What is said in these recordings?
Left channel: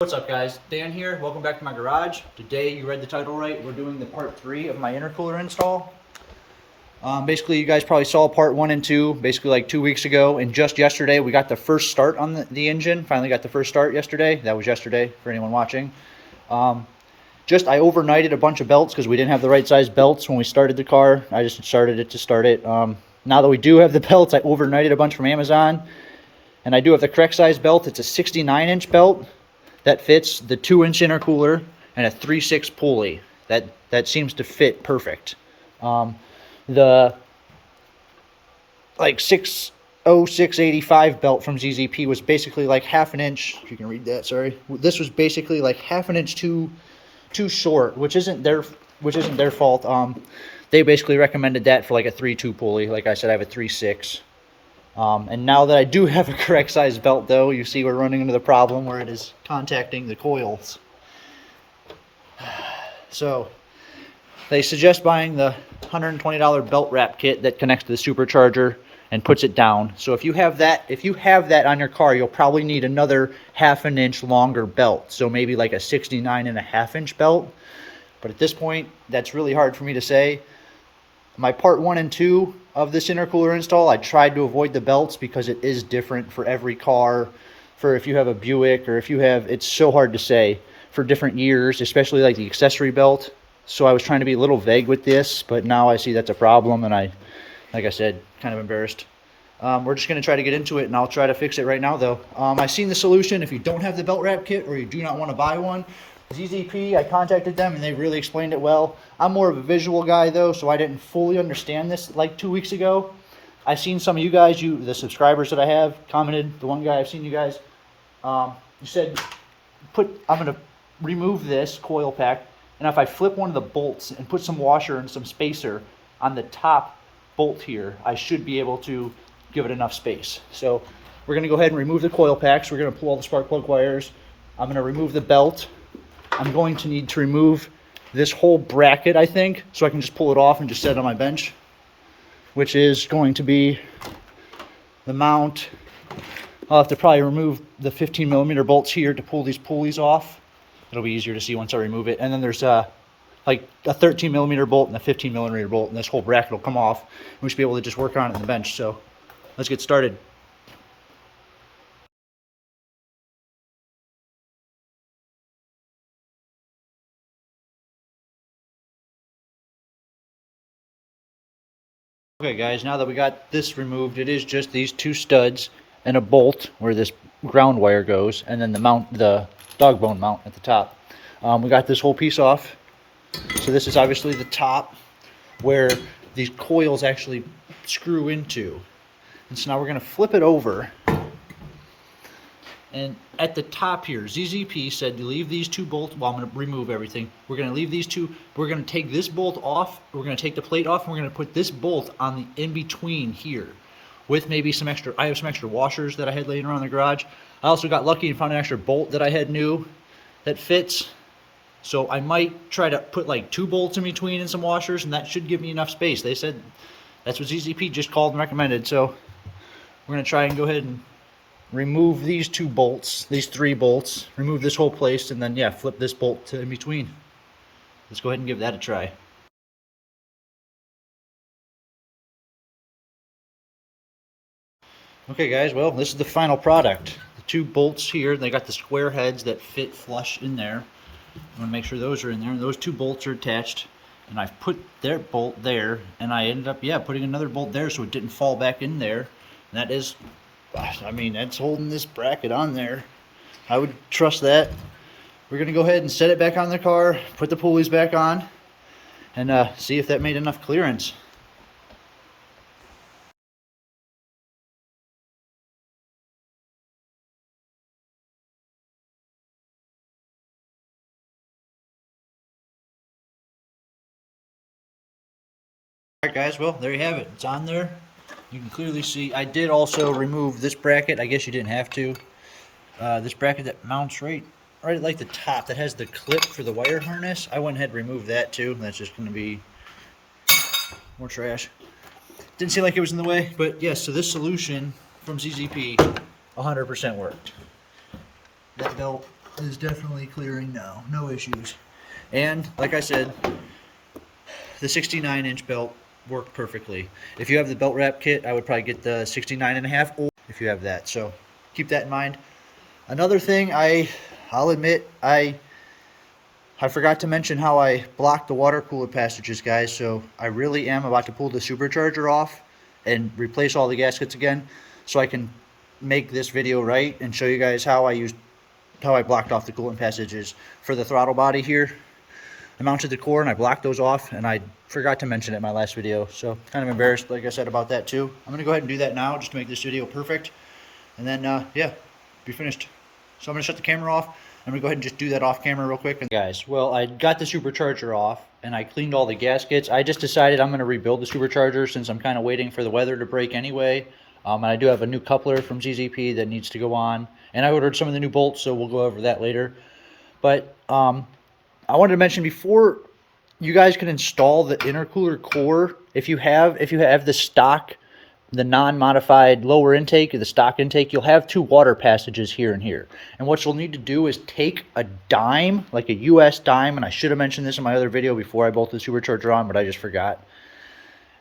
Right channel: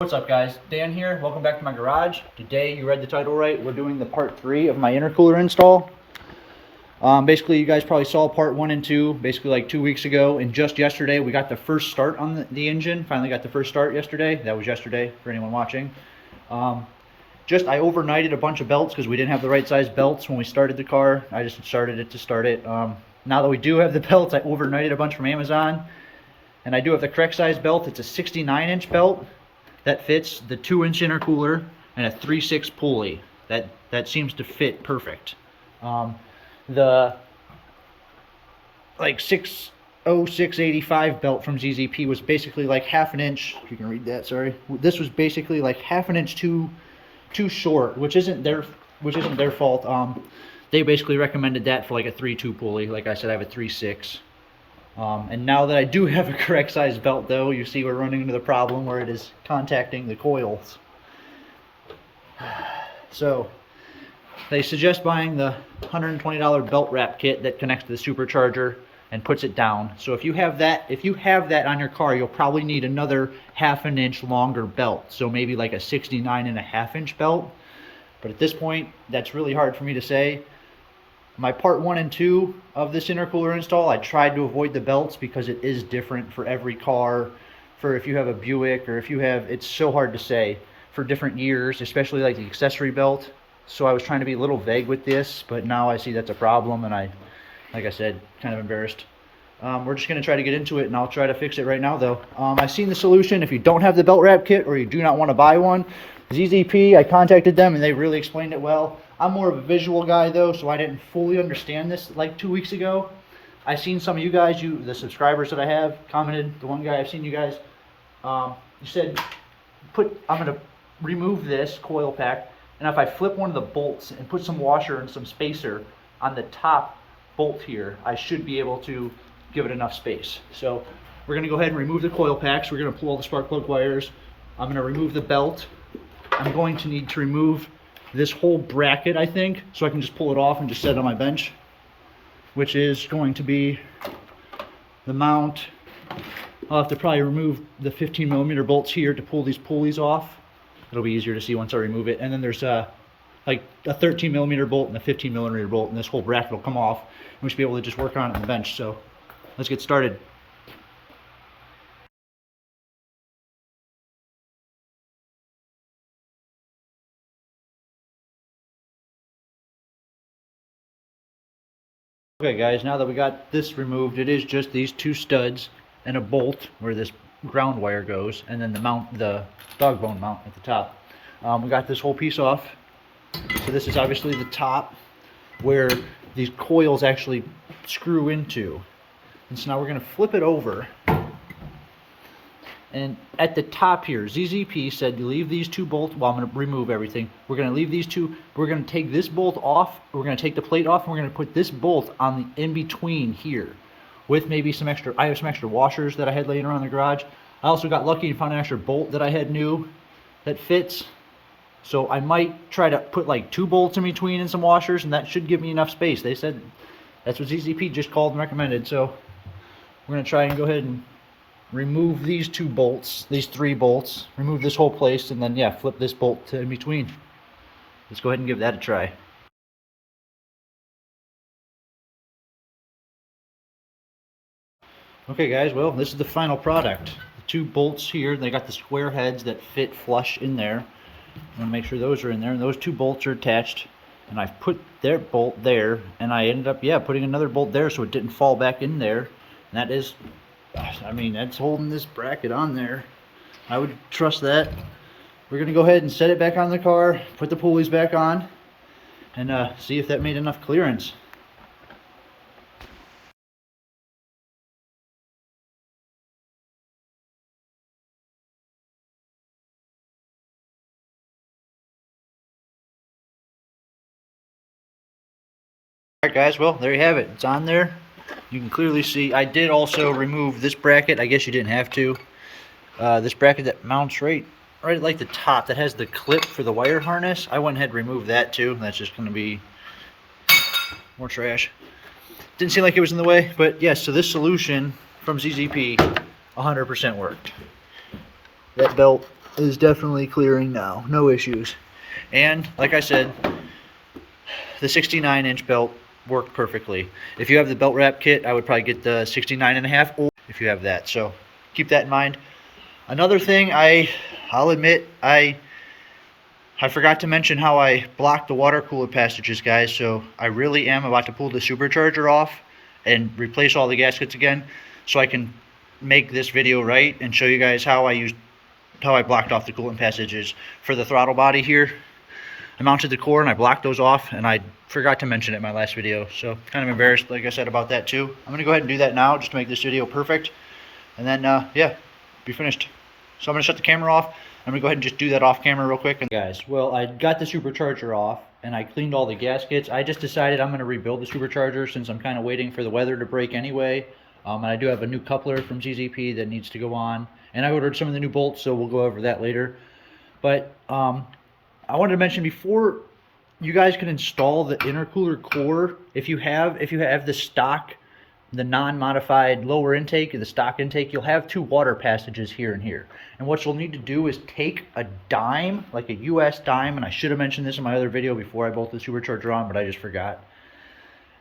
What's up guys, Dan here, welcome back to my garage. Today, you read the title right, we're doing the part 3 of my intercooler install. Basically you guys probably saw part 1 and 2 basically like 2 weeks ago, and just yesterday we got the first start on the engine. Finally got the first start yesterday. That was yesterday for anyone watching. I overnighted a bunch of belts because we didn't have the right size belts when we started the car. I just started it to start it. Now that we do have the belts, I overnighted a bunch from Amazon, and I do have the correct size belt. It's a 69-inch belt that fits the 2-inch intercooler and a 3/6 pulley. That seems to fit perfect. The like 60685 belt from ZZP was basically like half an inch. If you can read that, sorry. This was basically like half an inch too short, which isn't their fault. They basically recommended that for like a 3/2 pulley. Like I said, I have a 3/6. And now that I do have a correct size belt though, you see we're running into the problem where it is contacting the coils. So they suggest buying the $120 belt wrap kit that connects to the supercharger and puts it down. So if you have that on your car, you'll probably need another half an inch longer belt. So maybe like a 69.5-inch belt. But at this point, that's really hard for me to say. My part 1 and 2 of this intercooler install, I tried to avoid the belts because it is different for every car. For if you have a Buick or if you have, it's so hard to say for different years, especially like the accessory belt. So I was trying to be a little vague with this, but now I see that's a problem, and like I said, kind of embarrassed. We're just going to try to get into it, and I'll try to fix it right now though. I've seen the solution. If you don't have the belt wrap kit or you do not want to buy one, ZZP, I contacted them and they really explained it well. I'm more of a visual guy though, so I didn't fully understand this like 2 weeks ago. I've seen some of you guys, the subscribers that I have, commented. The one guy I've seen you guys, you said, I'm going to remove this coil pack, and if I flip one of the bolts and put some washer and some spacer on the top bolt here, I should be able to give it enough space. So we're going to go ahead and remove the coil packs. We're going to pull all the spark plug wires. I'm going to remove the belt. I'm going to need to remove this whole bracket, I think, so I can just pull it off and just set it on my bench, which is going to be the mount. I'll have to probably remove the 15mm bolts here to pull these pulleys off. It'll be easier to see once I remove it. And then there's like a 13mm bolt and a 15mm bolt, and this whole bracket will come off, and we should be able to just work on it on the bench. So let's get started. Okay guys, now that we got this removed, it is just these 2 studs and a bolt where this ground wire goes, and then the dog bone mount at the top. We got this whole piece off. So this is obviously the top where these coils actually screw into. And so now we're going to flip it over. And at the top here, ZZP said to leave these 2 bolts. Well, I'm going to remove everything. We're going to leave these 2. We're going to take this bolt off. We're going to take the plate off, and we're going to put this bolt on the in-between here with maybe some extra. I have some extra washers that I had laying around the garage. I also got lucky and found an extra bolt that I had new that fits. So I might try to put like 2 bolts in between and some washers, and that should give me enough space. They said that's what ZZP just called and recommended. So we're going to try and go ahead and remove these 2 bolts, these 3 bolts, remove this whole place, and then yeah, flip this bolt to in between. Let's go ahead and give that a try. Okay guys, well, this is the final product. The 2 bolts here, they got the square heads that fit flush in there. I want to make sure those are in there, and those 2 bolts are attached, and I've put their bolt there, and I ended up putting another bolt there so it didn't fall back in there. And that is, I mean, that's holding this bracket on there. I would trust that. We're going to go ahead and set it back on the car, put the pulleys back on, and see if that made enough clearance. Alright guys, well, there you have it. It's on there. You can clearly see I did also remove this bracket. I guess you didn't have to. This bracket that mounts right at like the top, that has the clip for the wire harness. I went ahead and removed that too. That's just going to be more trash. Didn't seem like it was in the way, but yes, so this solution from ZZP 100% worked. That belt is definitely clearing now. No issues. And like I said, the 69-inch belt worked perfectly. If you have the belt wrap kit, I would probably get the 69.5, or if you have that. So keep that in mind. Another thing, I'll admit, I forgot to mention how I blocked the water cooler passages, guys. So I really am about to pull the supercharger off and replace all the gaskets again, so I can make this video right and show you guys how I blocked off the coolant passages for the throttle body here. I mounted the core and I blocked those off, and I forgot to mention it in my last video, so kind of embarrassed, like I said, about that too. I'm gonna go ahead and do that now just to make this video perfect, and then yeah, be finished. So I'm gonna shut the camera off. I'm gonna go ahead and just do that off camera real quick. And guys, well, I got the supercharger off and I cleaned all the gaskets. I just decided I'm gonna rebuild the supercharger since I'm kind of waiting for the weather to break anyway. And I do have a new coupler from ZZP that needs to go on, and I ordered some of the new bolts, so we'll go over that later. But I wanted to mention, before you guys can install the intercooler core, if you have the stock, the non-modified lower intake, or the stock intake, you'll have two water passages here and here. And what you'll need to do is take a dime, like a US dime, and I should have mentioned this in my other video before I bolted the supercharger on, but I just forgot.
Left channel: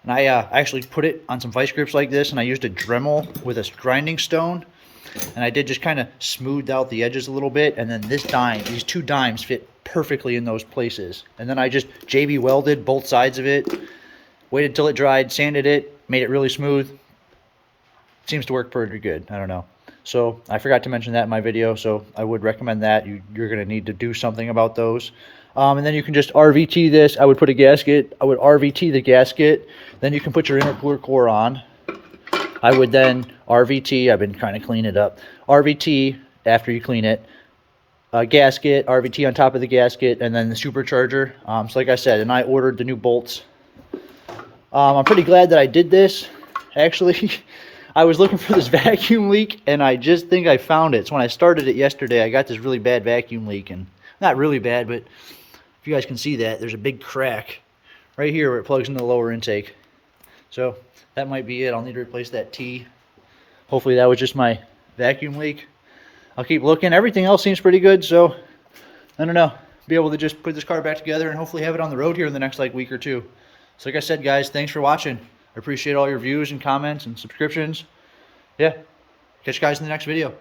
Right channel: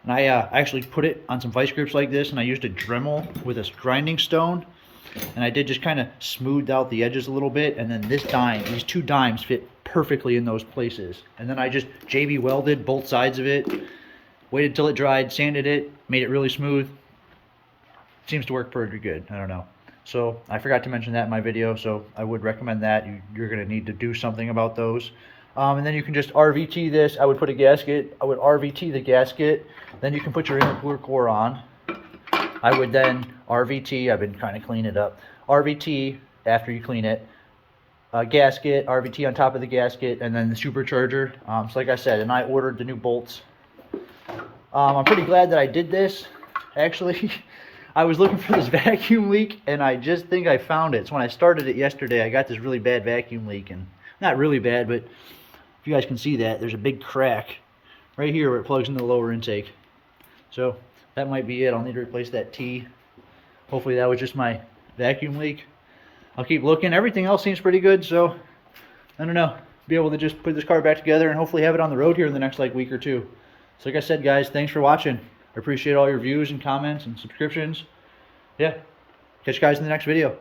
And I actually put it on some vice grips like this, and I used a Dremel with a grinding stone, and I did just kind of smooth out the edges a little bit, and then these two dimes fit perfectly in those places. And then I just JB welded both sides of it, waited till it dried, sanded it, made it really smooth. Seems to work pretty good. I don't know. So I forgot to mention that in my video, so I would recommend that. You're going to need to do something about those. And then you can just RVT this. I would put a gasket. I would RVT the gasket. Then you can put your intercooler core on. I would then RVT. I've been trying to clean it up. RVT after you clean it. Gasket, RVT on top of the gasket, and then the supercharger. So like I said, and I ordered the new bolts. I'm pretty glad that I did this. Actually, I was looking for this vacuum leak, and I just think I found it. So when I started it yesterday, I got this really bad vacuum leak, and not really bad, but if you guys can see that, there's a big crack right here where it plugs into the lower intake. So that might be it. I'll need to replace that T. Hopefully that was just my vacuum leak. I'll keep looking. Everything else seems pretty good, so I don't know. Be able to just put this car back together and hopefully have it on the road here in the next week or two. So like I said, guys, thanks for watching. I appreciate all your views and comments and subscriptions. Yeah. Catch you guys in the next video.